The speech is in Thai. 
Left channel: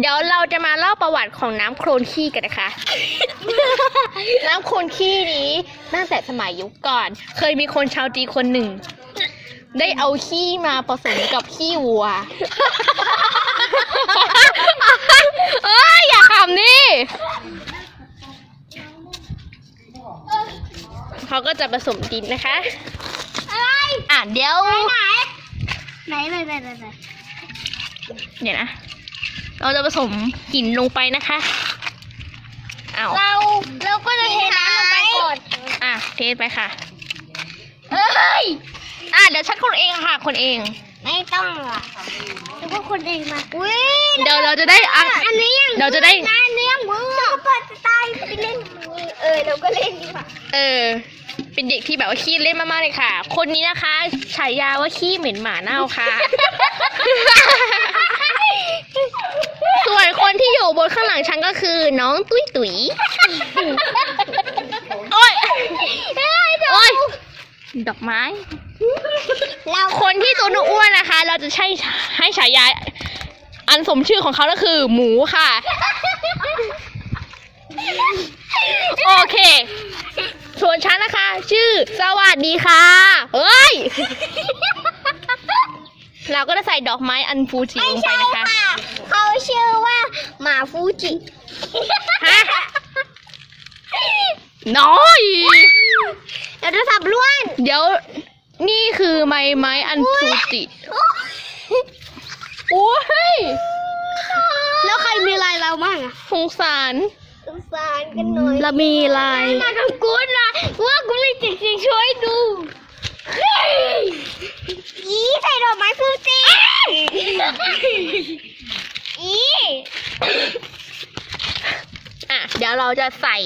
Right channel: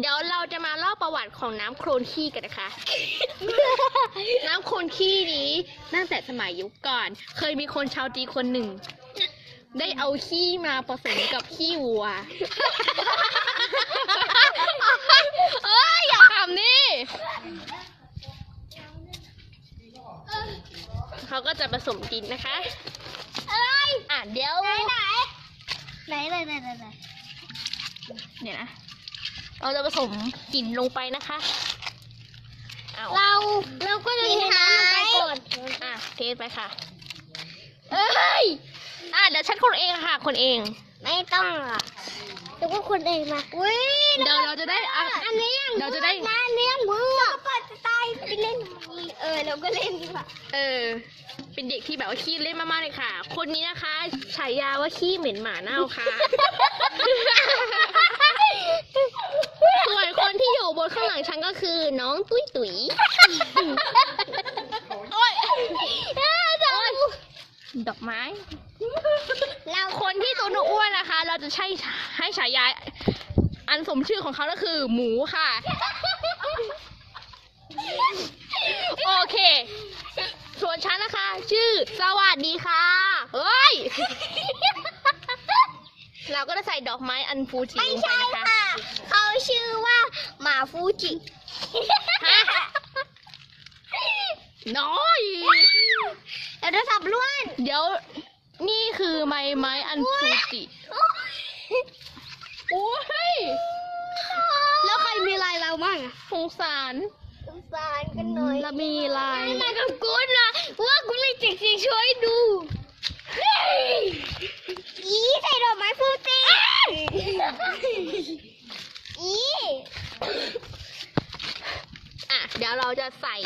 เดี๋ยวเราจะมาเล่าประวัติของน้ำโคลนขี้กันนะคะ น้ำโคลนขี้นี้ตั้งแต่สมัยยุคก่อน เคยมีคนชาวจีนคนหนึ่ง ได้เอาขี้มาผสมกับขี้วัว เอ้ยอย่าขำนี่เขาก็จะผสมดินนะคะ อะไร อะเดี๋ยว ไหนไหนไหนไหนไหนไหนเดี๋ยวนะ เราจะผสมหินลงไปนะคะเอาเราเราก็จะเทน้ำลงไปก่อนอะเทไปค่ะ เอ้ยอะเดี๋ยวฉันคนเองค่ะ คนเอง ไม่ต้องอะแต่ว่าคนเองมาอุ้ยเดี๋ยวเราจะได้อะอันนี้ยังเราจะได้น้ำเนื้อมือเราเปิดสไตล์ไปเล่นมือเออเราก็เล่นดีกว่าเออ เป็นเด็กที่แบบว่าขี้เล่นมากๆเลยค่ะ คนนี้นะคะฉายาว่าขี้เหม็นหมาเน่าค่ะส่วนคนที่อยู่ บนข้างหลังฉันก็คือน้องตุ้ยตุ๋ยโอ้ยโอ้ยดอกไม้ เราคนที่ตัวอ้วนๆนะคะ เราจะใช้ให้ฉายาอันสมชื่อของเขาก็คือ หมูค่ะ โอเค ส่วนฉันนะคะ ชื่อสวัสดีค่ะเฮ้ยเราก็จะใส่ดอกไม้อันฟูจิไม่ลงไปใช่นะคะค่ะเขาชื่อว่าห มาฟูจิฮะน้อยเราจะสับล้วน เดี๋ยวนี่คือไม้ไม้อันฟูจิ โอ้ย แล้วใครมีลายเราบ้างอะสงสาร สงสารกันหน่อยเรามีลาย มากับกูนะว่ากูเลยจริงๆช่วยดูอีใส่ดอกไม้ฟูจิอี อะเดี๋ยวเราจะใส่